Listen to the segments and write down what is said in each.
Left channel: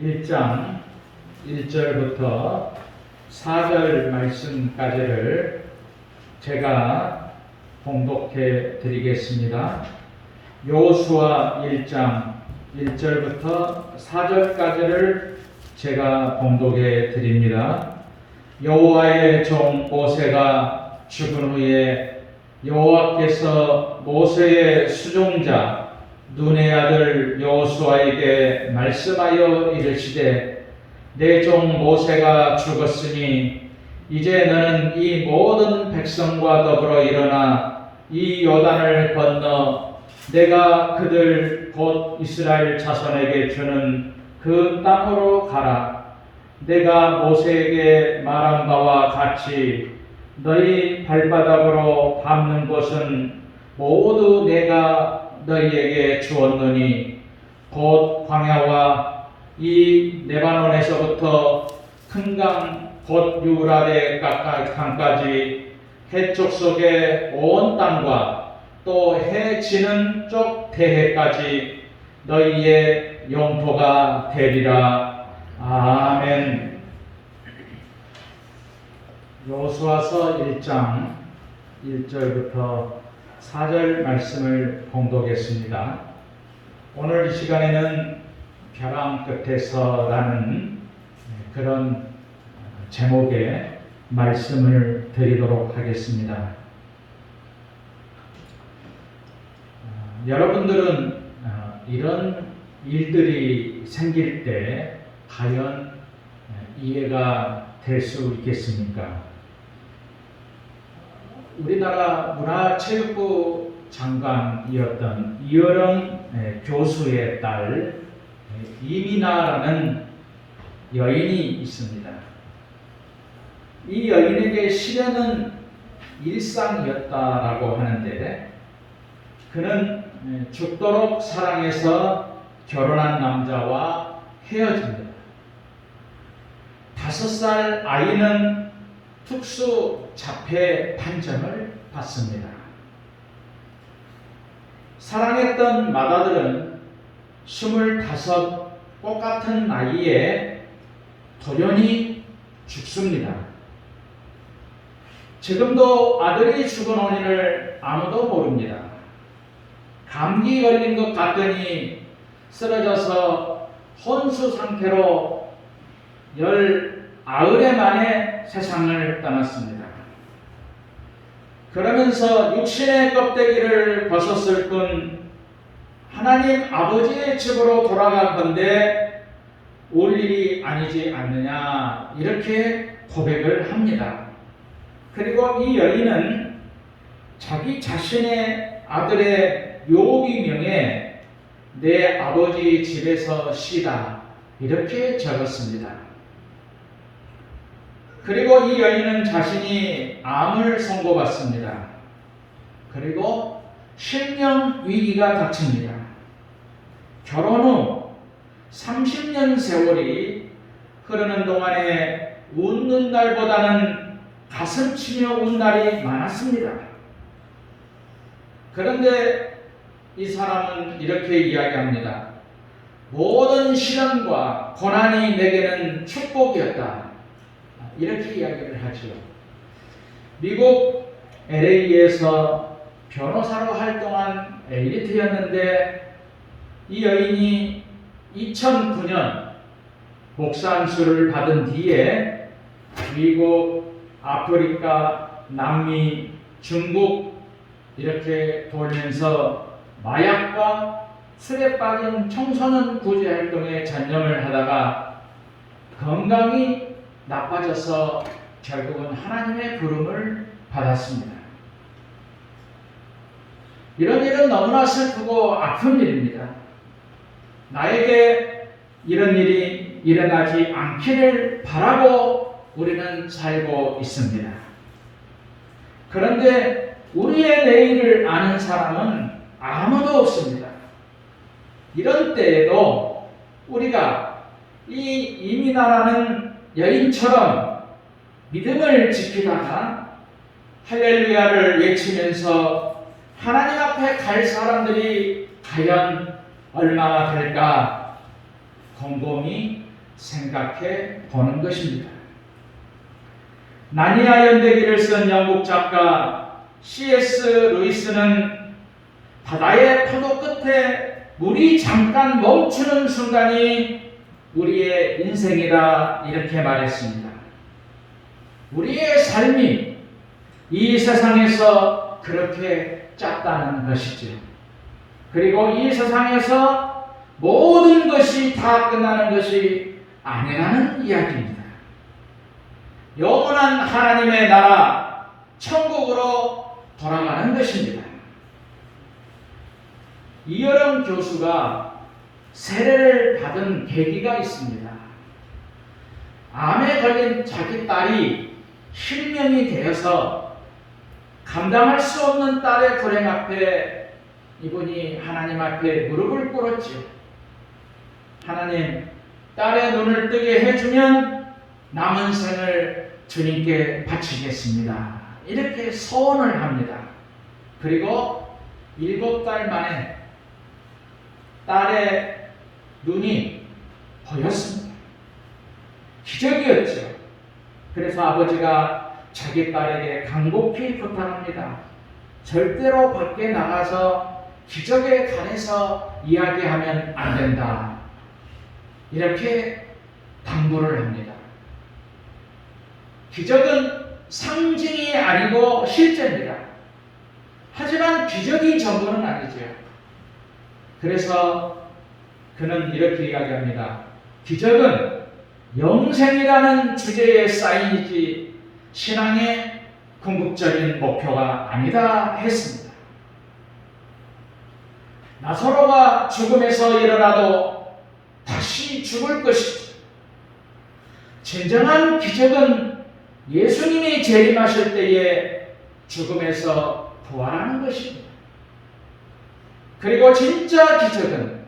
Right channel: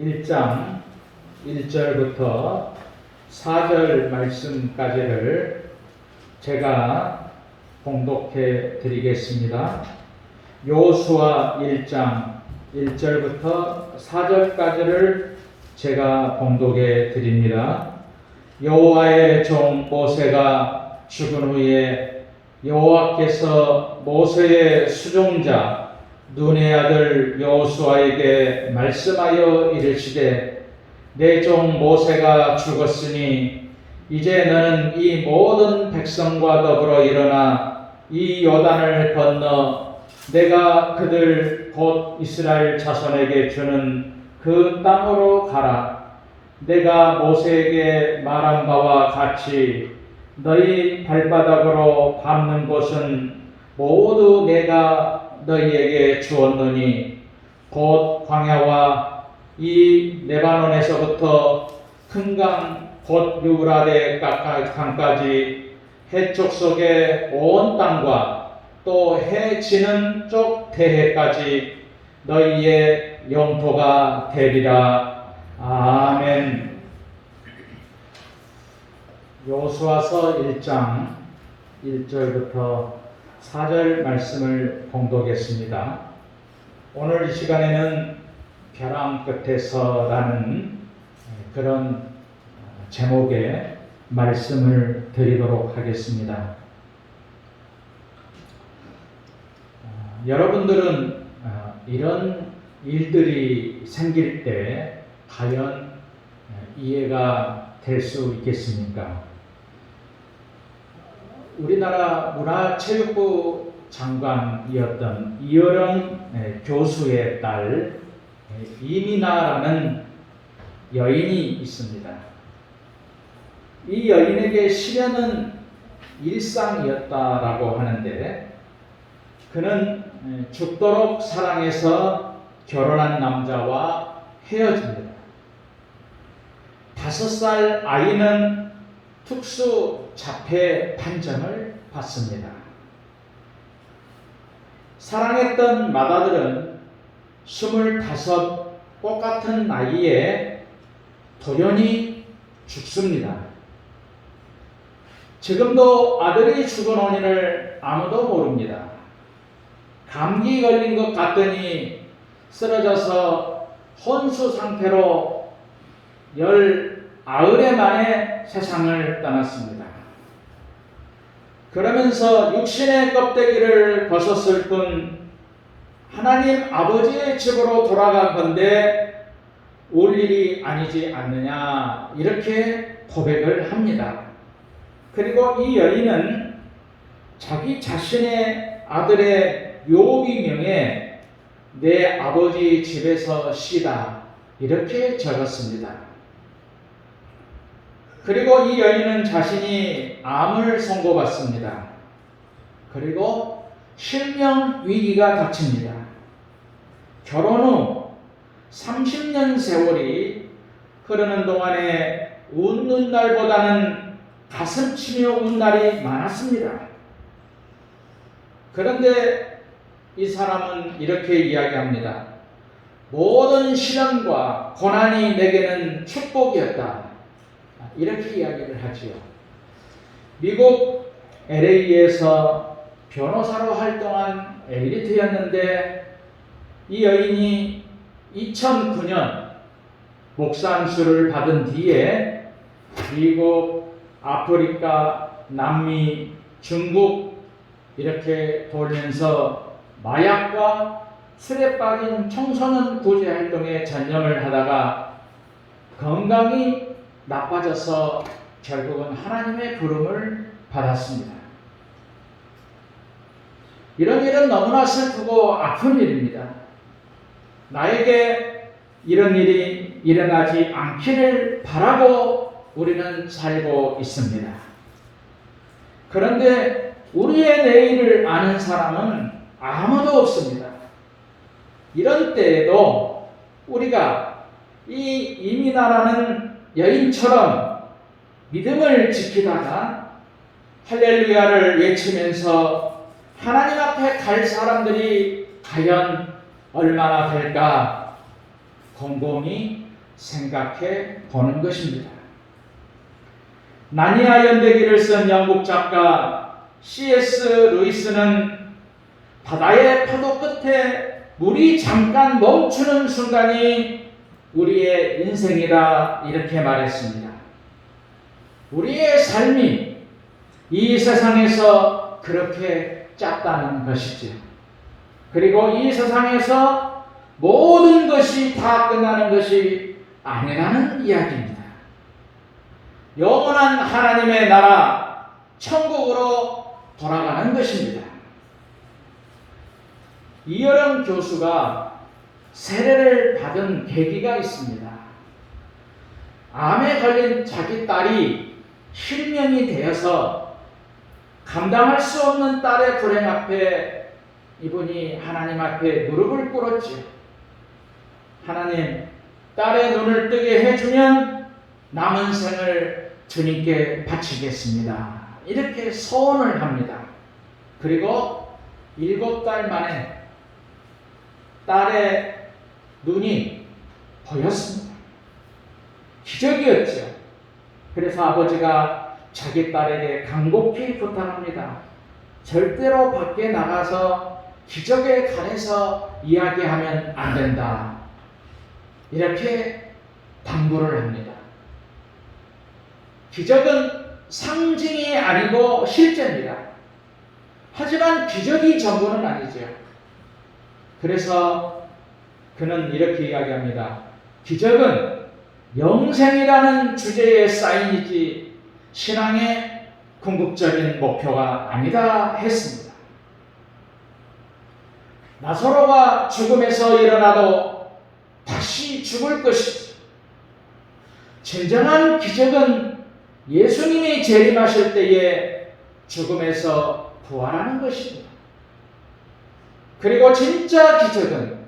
1장 1절부터 4절 말씀까지를 제가 봉독해 드리겠습니다. 여호수아 1장 1절부터 4절까지를 제가 봉독해 드립니다. 여호와의 종 모세가 죽은 후에 여호와께서 모세의 수종자 눈의 아들 여호수아에게 말씀하여 이르시되 내 종 모세가 죽었으니 이제 너는 이 모든 백성과 더불어 일어나 이 요단을 건너 내가 그들 곧 이스라엘 자손에게 주는 그 땅으로 가라. 내가 모세에게 말한 바와 같이 너희 발바닥으로 밟는 곳은 모두 내가 너희에게 주었노니 곧 광야와 이 레바논에서부터 큰 강 곧 유브라데 강까지 해쪽 속의 온 땅과 또 해 지는 쪽 대해까지 너희의 영토가 되리라. 아멘. 여호수아서 1장 1절부터 4절 말씀을 봉독했습니다. 오늘 이 시간에는 벼랑 끝에서라는 그런 제목의 말씀을 드리도록 하겠습니다. 여러분들은 이런 일들이 생길 때 과연 이해가 될 수 있겠습니까? 우리나라 문화체육부 장관이었던 이여령 교수의 딸 이민아라는 여인이 있습니다. 이 여인에게 시련은 일상이었다라고 하는데 그는 죽도록 사랑해서 결혼한 남자와 헤어집니다. 5살 아이는 특수 자폐 판정을 받습니다. 사랑했던 맏아들은 25 똑같은 나이에 돌연히 죽습니다. 지금도 아들이 죽은 원인을 아무도 모릅니다. 감기 걸린 것 같더니 쓰러져서 혼수 상태로 19해 만에 세상을 떠났습니다. 그러면서 육신의 껍데기를 벗었을 뿐 하나님 아버지의 집으로 돌아간 건데 올 일이 아니지 않느냐 이렇게 고백을 합니다. 그리고 이 여인은 자기 자신의 아들의 묘기명에 내 아버지 집에서 쉬다 이렇게 적었습니다. 그리고 이 여인은 자신이 암을 선고받습니다. 그리고 실명 위기가 닥칩니다. 결혼 후 30년 세월이 흐르는 동안에 웃는 날보다는 가슴 치며 운 날이 많았습니다. 그런데 이 사람은 이렇게 이야기합니다. 모든 시련과 고난이 내게는 축복이었다. 이렇게 이야기를 하지요. 미국 LA에서 변호사로 활동한 엘리트였는데 이 여인이 2009년 목사 안수를 받은 뒤에 미국, 아프리카, 남미, 중국 이렇게 돌면서 마약과 술에 빠진 청소년 구제 활동에 전념을 하다가 건강이 나빠져서 결국은 하나님의 부름을 받았습니다. 이런 일은 너무나 슬프고 아픈 일입니다. 나에게 이런 일이 일어나지 않기를 바라고 우리는 살고 있습니다. 그런데 우리의 내일을 아는 사람은 아무도 없습니다. 이런 때에도 우리가 이 이민아라는 여인처럼 믿음을 지키다가 할렐루야를 외치면서 하나님 앞에 갈 사람들이 과연 얼마나 될까 곰곰이 생각해 보는 것입니다. 나니아 연대기를 쓴 영국 작가 C.S. 루이스는 바다의 파도 끝에 물이 잠깐 멈추는 순간이 우리의 인생이다 이렇게 말했습니다. 우리의 삶이 이 세상에서 그렇게 짧다는 것이죠. 그리고 이 세상에서 모든 것이 다 끝나는 것이 아니라는 이야기입니다. 영원한 하나님의 나라 천국으로 돌아가는 것입니다. 이여름 교수가 세례를 받은 계기가 있습니다. 암에 걸린 자기 딸이 실명이 되어서 감당할 수 없는 딸의 불행 앞에 이분이 하나님 앞에 무릎을 꿇었지. 하나님, 딸의 눈을 뜨게 해주면 남은 생을 주님께 바치겠습니다. 이렇게 소원을 합니다. 그리고 7달 만에 딸의 눈이 보였습니다. 기적이었죠. 그래서 아버지가 자기 딸에게 간곡히 부탁합니다. 절대로 밖에 나가서 기적에 관해서 이야기하면 안 된다. 이렇게 당부를 합니다. 기적은 상징이 아니고 실제입니다. 하지만 기적이 전부는 아니죠. 그래서 그는 이렇게 이야기합니다. 기적은 영생이라는 주제의 사인이지 신앙의 궁극적인 목표가 아니다 했습니다. 나사로가 죽음에서 일어나도 다시 죽을 것이죠. 진정한 기적은 예수님이 재림하실 때에 죽음에서 부활하는 것입니다. 그리고 진짜 기적은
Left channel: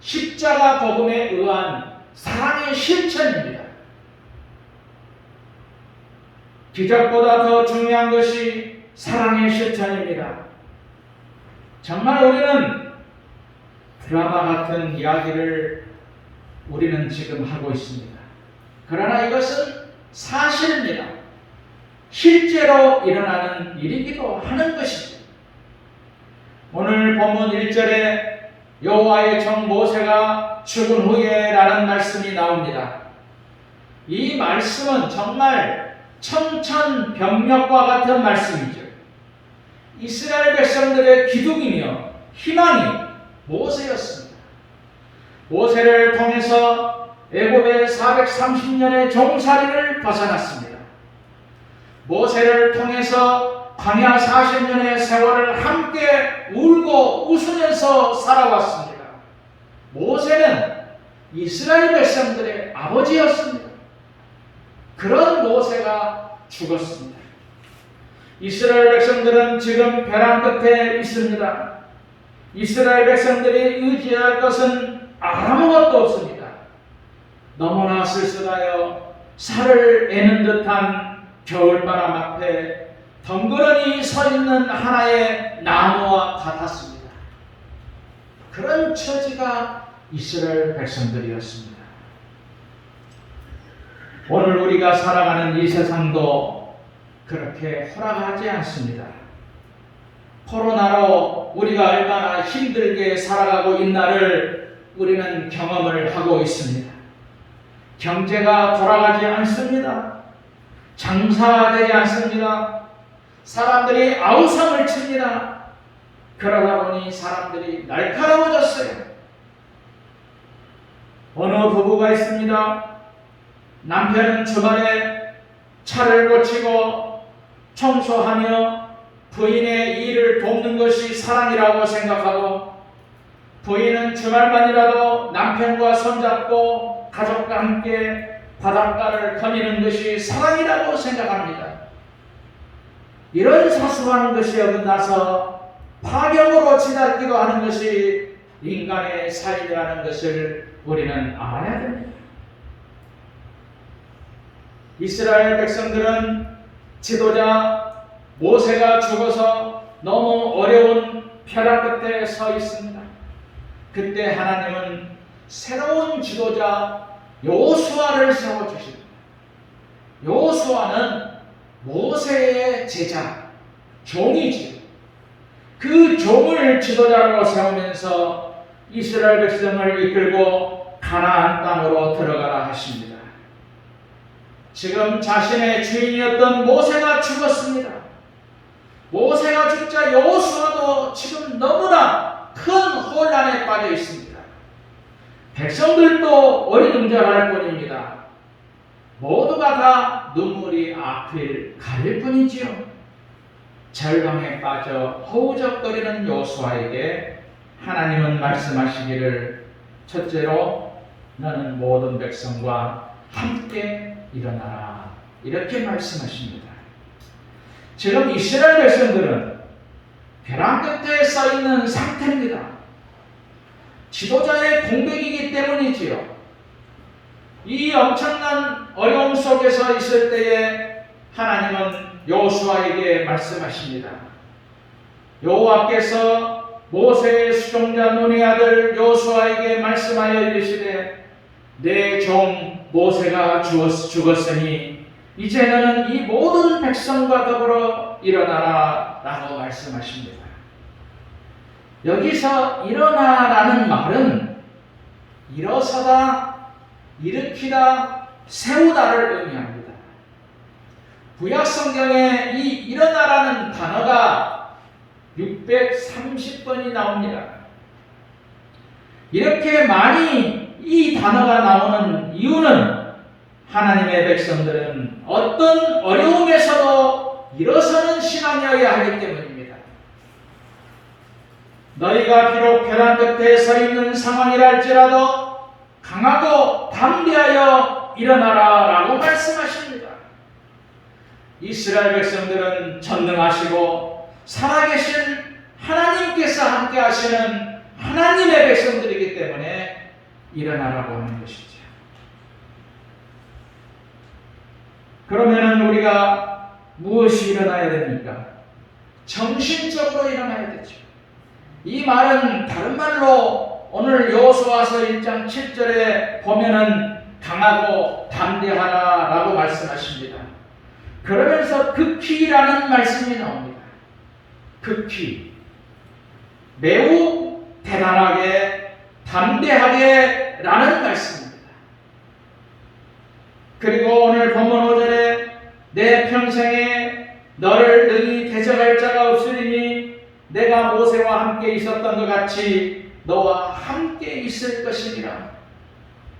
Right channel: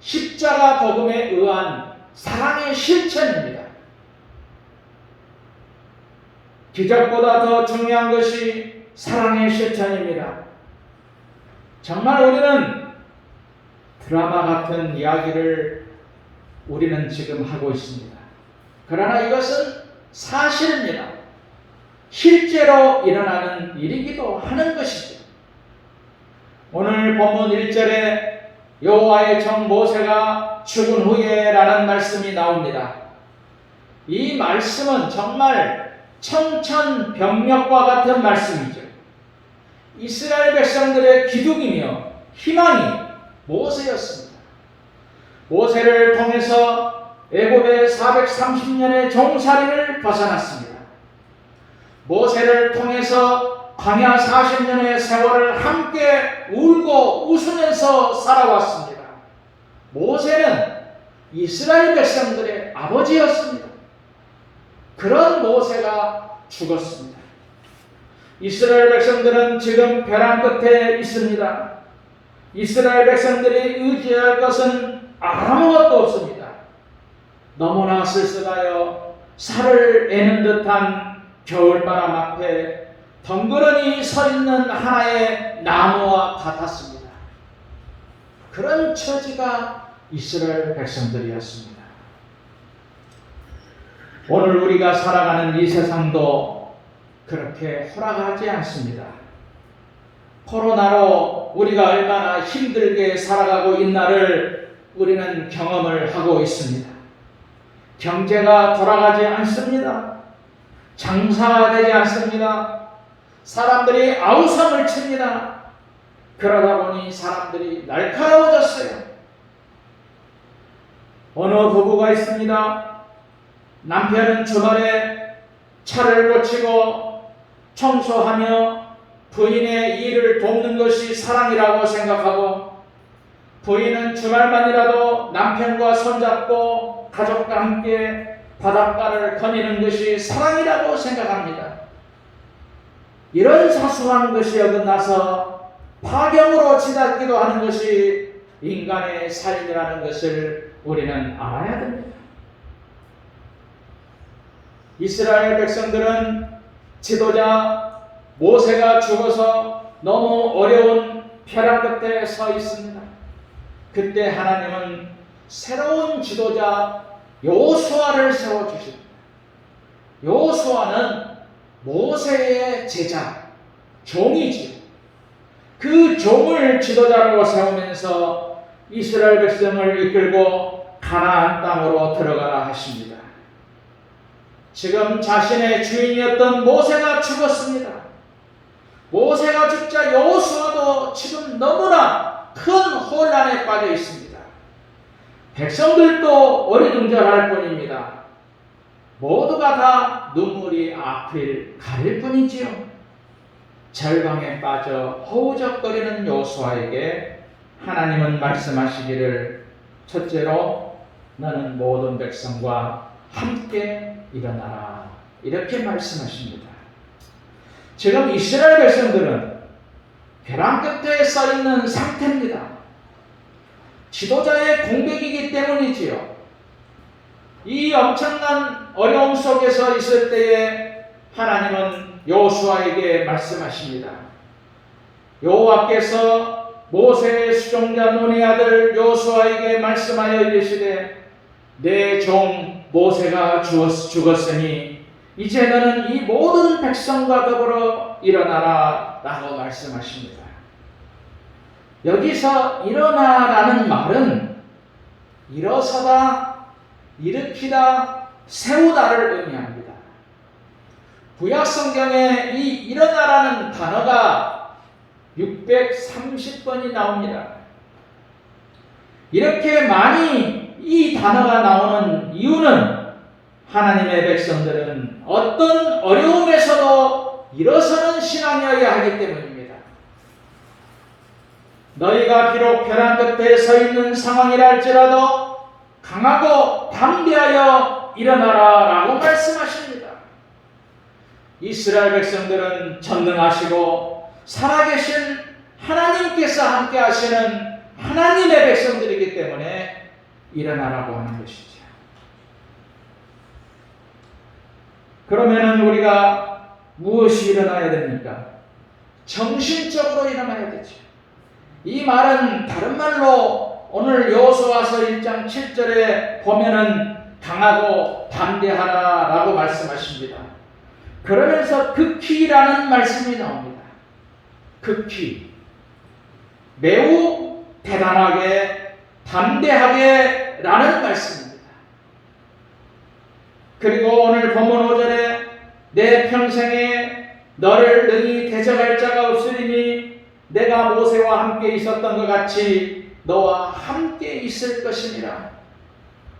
십자가 복음에 의한 사랑의 실천입니다. 기적보다 더 중요한 것이 사랑의 실천입니다. 정말 우리는 드라마 같은 이야기를 우리는 지금 하고 있습니다. 그러나 이것은 사실입니다. 실제로 일어나는 일이기도 하는 것이죠. 오늘 본문 1절에 여호와의 종 모세가 죽은 후에 라는 말씀이 나옵니다. 이 말씀은 정말 청천벽력과 같은 말씀이죠. 이스라엘 백성들의 기둥이며 희망이 모세였습니다. 모세를 통해서 애굽의 430년의 종살이를 벗어났습니다. 모세를 통해서 광야 40년의 세월을 함께 울고 웃으면서 살아왔습니다. 모세는 이스라엘 백성들의 아버지였습니다. 그런 모세가 죽었습니다. 이스라엘 백성들은 지금 벼랑 끝에 있습니다. 이스라엘 백성들이 의지할 것은 아무것도 없습니다. 너무나 쓸쓸하여 살을 애는 듯한 겨울바람 앞에 덩그러니 서 있는 하나의 나무와 같았습니다. 그런 처지가 이스라엘 백성들이었습니다. 오늘 우리가 살아가는 이 세상도 그렇게 허락하지 않습니다. 코로나로 우리가 얼마나 힘들게 살아가고 있나를 우리는 경험을 하고 있습니다. 경제가 돌아가지 않습니다. 장사가 되지 않습니다. 사람들이 아우성을 칩니다. 그러다 보니 사람들이 날카로워졌어요. 어느 부부가 있습니다. 남편은 주말에 차를 고치고 청소하며 부인의 일을 돕는 것이 사랑이라고 생각하고, 부인은 주말만이라도 남편과 손잡고 가족과 함께 바닷가를 거니는 것이 사랑이라고 생각합니다. 이런 사소한 것이 어긋나서 파경으로 치닫기도 하는 것이 인간의 삶이라는 것을 우리는 알아야 됩니다. 이스라엘 백성들은 지도자 모세가 죽어서 너무 어려운 벼랑 끝에 서 있습니다. 그때 하나님은 새로운 지도자 여호수아를 세워주십니다. 여호수아는 모세의 제자, 종이지요. 그 종을 지도자로 세우면서 이스라엘 백성을 이끌고 가나안 땅으로 들어가라 하십니다. 지금 자신의 주인이었던 모세가 죽었습니다. 모세가 죽자 여호수아도 지금 너무나 큰 혼란에 빠져 있습니다. 백성들도 어리둥절할 뿐입니다. 모두가 다 눈물이 앞을 가릴 뿐이지요. 절망에 빠져 허우적거리는 여호수아에게 하나님은 말씀하시기를 첫째로 너는 모든 백성과 함께 일어나라 이렇게 말씀하십니다. 지금 이스라엘 백성들은 벼랑 끝에 서 있는 상태입니다. 지도자의 공백이기 때문이지요. 이 엄청난 어려움 속에서 있을 때에 하나님은 여호수아에게 말씀하십니다. 여호와께서 모세의 수종자 눈의 아들 여호수아에게 말씀하여 이르시되 내 종 모세가 죽었으니 이제 너는 이 모든 백성과 더불어 일어나라 라고 말씀하십니다. 여기서 일어나라는 말은 일어서다, 일으키다, 세우다를 의미합니다. 구약성경에 이 일어나라는 단어가 630번이 나옵니다. 이렇게 많이 이 단어가 나오는 이유는 하나님의 백성들은 어떤 어려움에서도 일어서는 신앙이어야 하기 때문입니다. 너희가 비록 벼랑 끝에 서 있는 상황이라 할지라도 강하고 담대하여 일어나라 라고 말씀하십니다. 이스라엘 백성들은 전능하시고 살아계신 하나님께서 함께 하시는 하나님의 백성들이기 때문에 일어나라고 하는 것이죠. 그러면 우리가 무엇이 일어나야 됩니까? 정신적으로 일어나야 되죠. 이 말은 다른 말로 오늘 여호수아서 1장 7절에 보면은 강하고 담대하라 라고 말씀하십니다. 그러면서 극히라는 말씀이 나옵니다. 극히. 매우 대단하게, 담대하게 라는 말씀입니다. 그리고 오늘 본문 5절에 내 평생에 너를 능히 대적할 자가 없으리니 내가 모세와 함께 있었던 것 같이 너와 함께 있을 것이니라.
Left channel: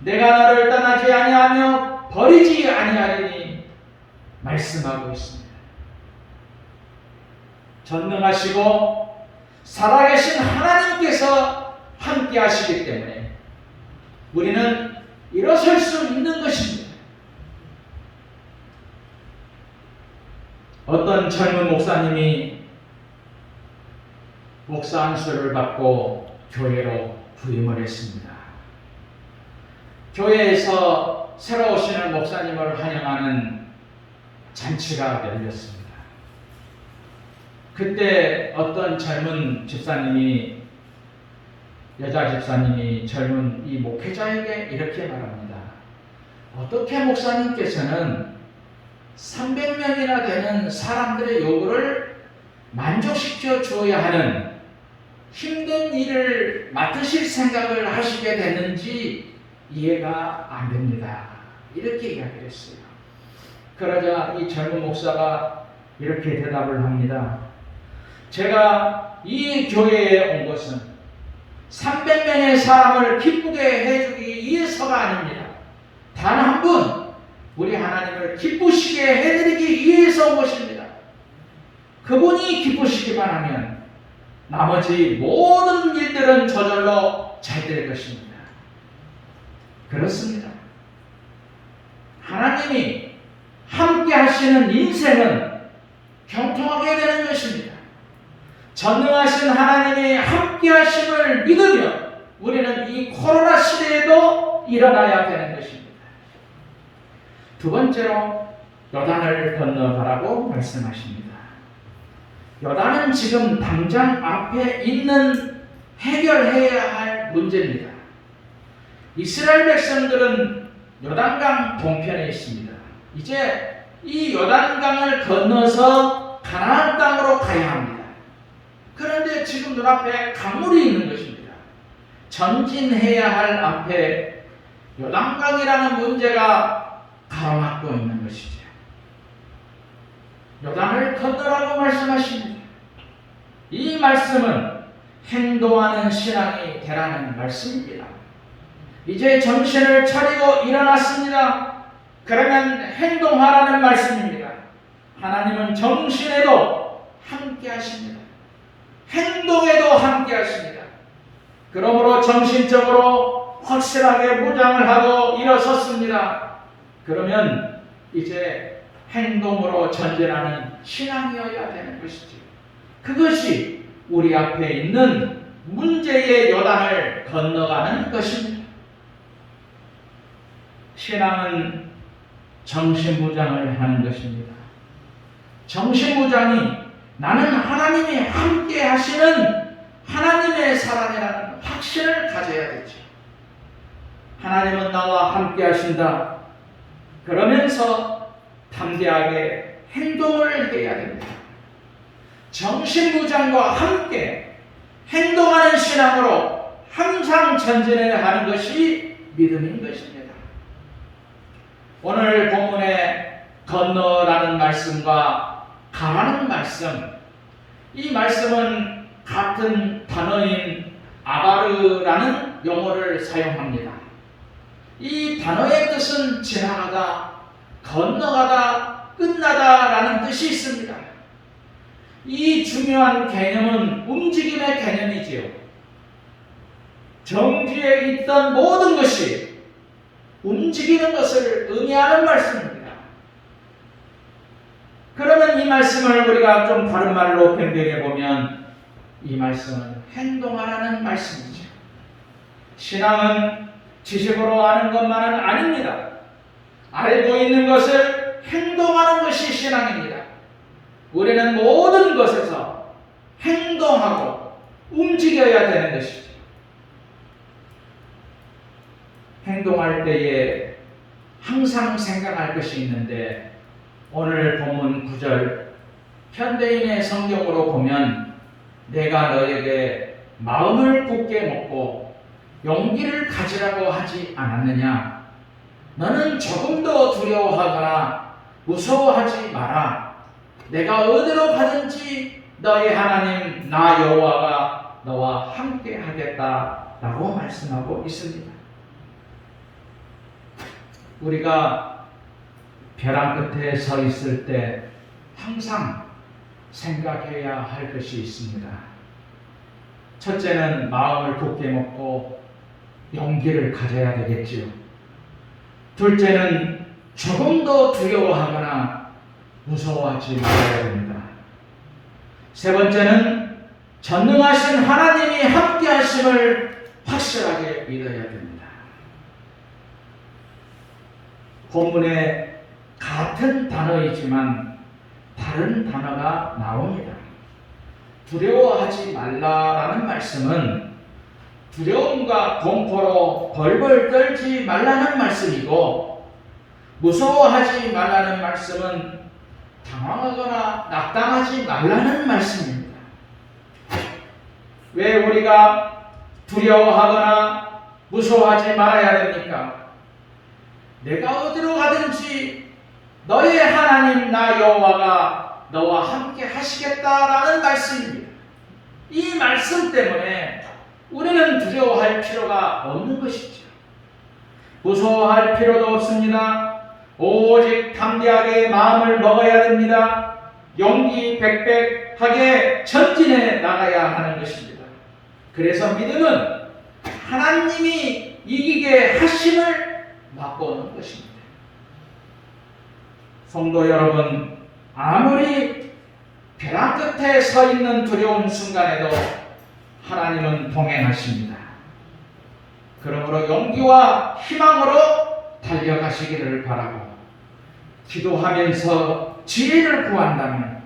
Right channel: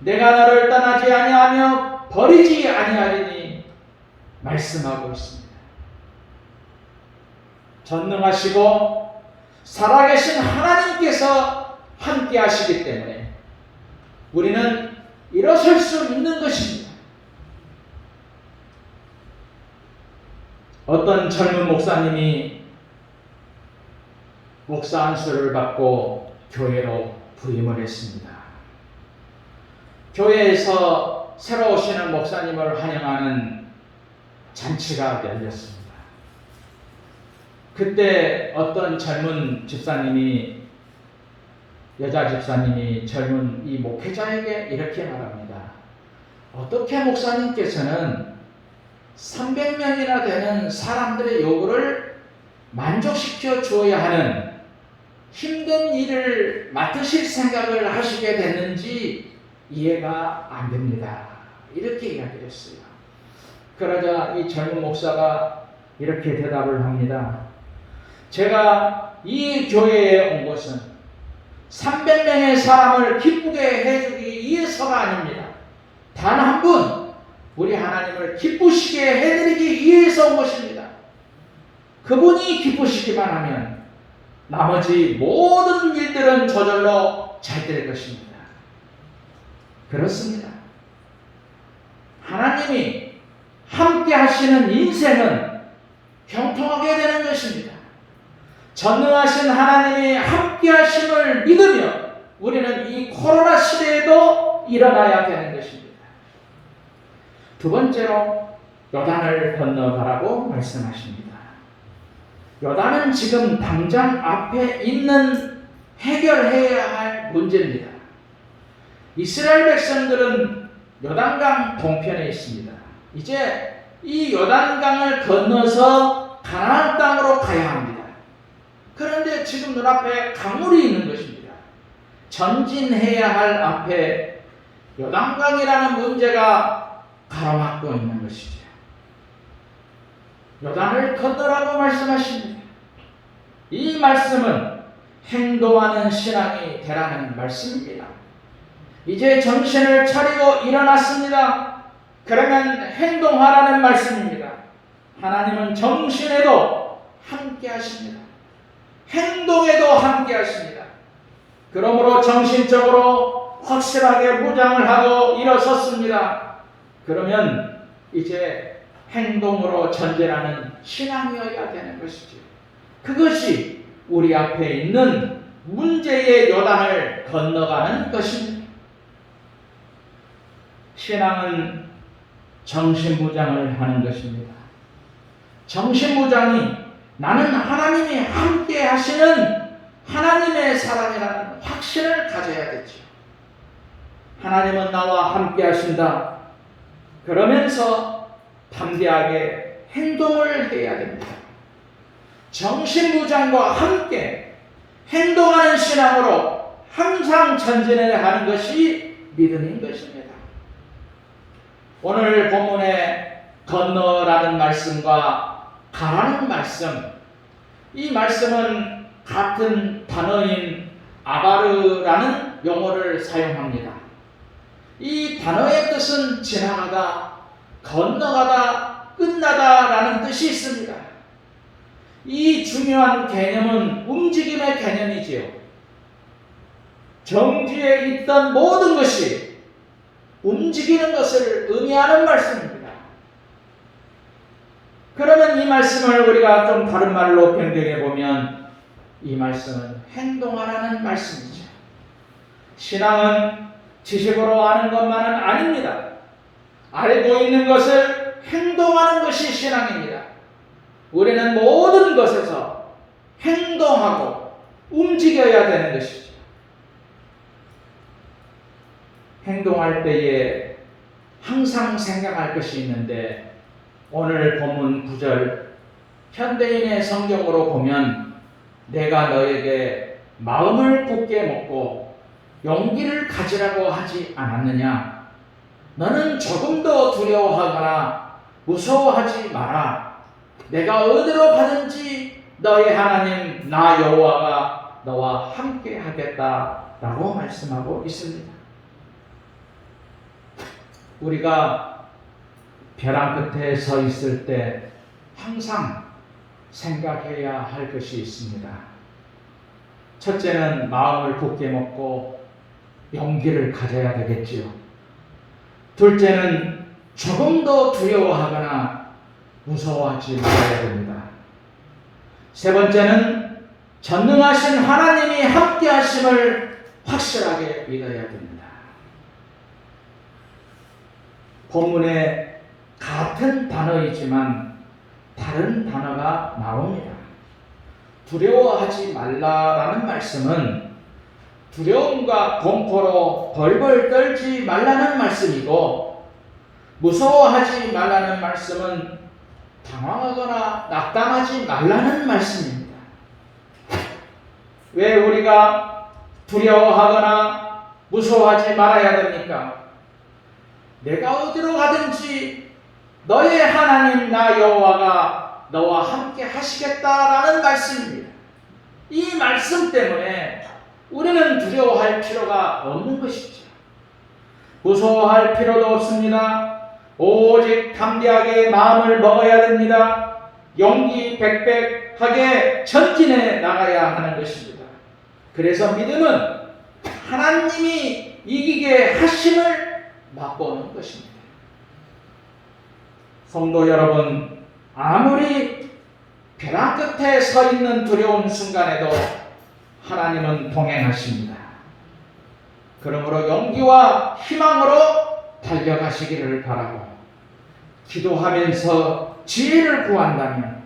내가 너를 떠나지 아니하며 버리지 아니하리니 말씀하고 있습니다. 전능하시고 살아계신 하나님께서 함께 하시기 때문에 우리는 일어설 수 있는 것입니다. 어떤 젊은 목사님이 목사 안수를 받고 교회로 부임을 했습니다. 교회에서 새로 오시는 목사님을 환영하는 잔치가 열렸습니다. 그때 어떤 젊은 집사님이, 여자 집사님이 젊은 이 목회자에게 이렇게 말합니다. 어떻게 목사님께서는 300명이나 되는 사람들의 요구를 만족시켜 주어야 하는 힘든 일을 맡으실 생각을 하시게 됐는지 이해가 안 됩니다. 이렇게 이야기했어요. 그러자 이 젊은 목사가 이렇게 대답을 합니다. 제가 이 교회에 온 것은 300명의 사람을 기쁘게 해주기 위해서가 아닙니다. 단 한 분, 우리 하나님을 기쁘시게 해드리기 위해서 온 것입니다. 그분이 기쁘시기만 하면 나머지 모든 일들은 저절로 잘 될 것입니다. 그렇습니다. 하나님이 함께 하시는 인생은 경통하게 되는 것입니다. 전능하신 하나님이 함께 하심을 믿으며 우리는 이 코로나 시대에도 일어나야 되는 것입니다. 두 번째로 요단을 건너가라고 말씀하십니다. 요단은 지금 당장 앞에 있는 해결해야 할 문제입니다. 이스라엘 백성들은 요단강 동편에 있습니다. 이제 이 요단강을 건너서 가나안 땅으로 가야 합니다. 그런데 지금 눈앞에 강물이 있는 것입니다. 전진해야 할 앞에 요단강이라는 문제가 가로막고 있는 것이죠. 요단을 건너라고 말씀하십니다. 이 말씀은 행동하는 신앙이 되라는 말씀입니다. 이제 정신을 차리고 일어났습니다. 그러면 행동하라는 말씀입니다. 하나님은 정신에도 함께 하십니다. 행동에도 함께 하십니다. 그러므로 정신적으로 확실하게 무장을 하고 일어섰습니다. 그러면 이제 행동으로 전진하는 신앙이어야 되는 것이죠. 그것이 우리 앞에 있는 문제의 요단을 건너가는 것입니다. 신앙은 정신무장을 하는 것입니다. 정신무장이 나는 하나님이 함께 하시는 하나님의 사랑이라는 확신을 가져야겠죠. 하나님은 나와 함께 하신다. 그러면서 담대하게 행동을 해야 됩니다. 정신무장과 함께 행동하는 신앙으로 항상 전진을 하는 것이 믿음인 것입니다. 오늘 본문의 건너라는 말씀과 가라는 말씀, 이 말씀은 같은 단어인 아바르라는 용어를 사용합니다. 이 단어의 뜻은 지나가다, 건너가다, 끝나다라는 뜻이 있습니다. 이 중요한 개념은 움직임의 개념이지요. 정지에 있던 모든 것이 움직이는 것을 의미하는 말씀입니다. 그러면 이 말씀을 우리가 좀 다른 말로 변경해 보면 이 말씀은 행동하라는 말씀이죠. 신앙은 지식으로 아는 것만은 아닙니다. 알고 있는 것을 행동하는 것이 신앙입니다. 우리는 모든 것에서 행동하고 움직여야 되는 것이죠. 행동할 때에 항상 생각할 것이 있는데 오늘 본문 9절 현대인의 성경으로 보면 내가 너에게 마음을 굳게 먹고 용기를 가지라고 하지 않았느냐? 너는 조금도 두려워하거나 무서워하지 마라. 내가 어디로 가든지 너의 하나님 나 여호와가 너와 함께 하겠다라고 말씀하고 있습니다. 우리가 벼랑 끝에 서 있을 때 항상 생각해야 할 것이 있습니다. 첫째는 마음을 굳게 먹고 용기를 가져야 되겠지요. 둘째는 조금도 두려워하거나 무서워하지 말아야 됩니다. 세 번째는 전능하신 하나님이 함께 하심을 확실하게 믿어야 됩니다. 본문에 같은 단어이지만 다른 단어가 나옵니다. 두려워하지 말라라는 말씀은 두려움과 공포로 벌벌 떨지 말라는 말씀이고, 무서워하지 말라는 말씀은 당황하거나 낙담하지 말라는 말씀입니다. 왜 우리가 두려워하거나 무서워하지 말아야 됩니까? 내가 어디로 가든지 너의 하나님 나 여호와가 너와 함께 하시겠다라는 말씀입니다. 이 말씀 때문에 우리는 두려워할 필요가 없는 것이죠. 무서워할 필요도 없습니다. 오직 담대하게 마음을 먹어야 됩니다. 용기 백백하게 전진해 나가야 하는 것입니다. 그래서 믿음은 하나님이 이기게 하심을 맛보는 것입니다. 성도 여러분, 아무리 벼랑 끝에 서 있는 두려운 순간에도 하나님은 동행하십니다. 그러므로 용기와 희망으로 달려가시기를 바라고, 기도하면서 지혜를 구한다면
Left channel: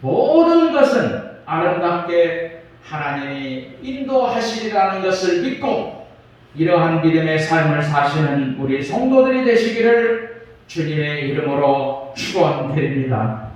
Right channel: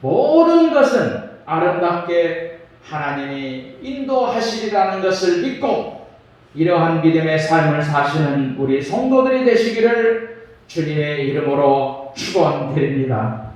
모든 것은 아름답게 하나님이 인도하시리라는 것을 믿고 이러한 믿음의 삶을 사시는 우리 성도들이 되시기를 주님의 이름으로 축원드립니다.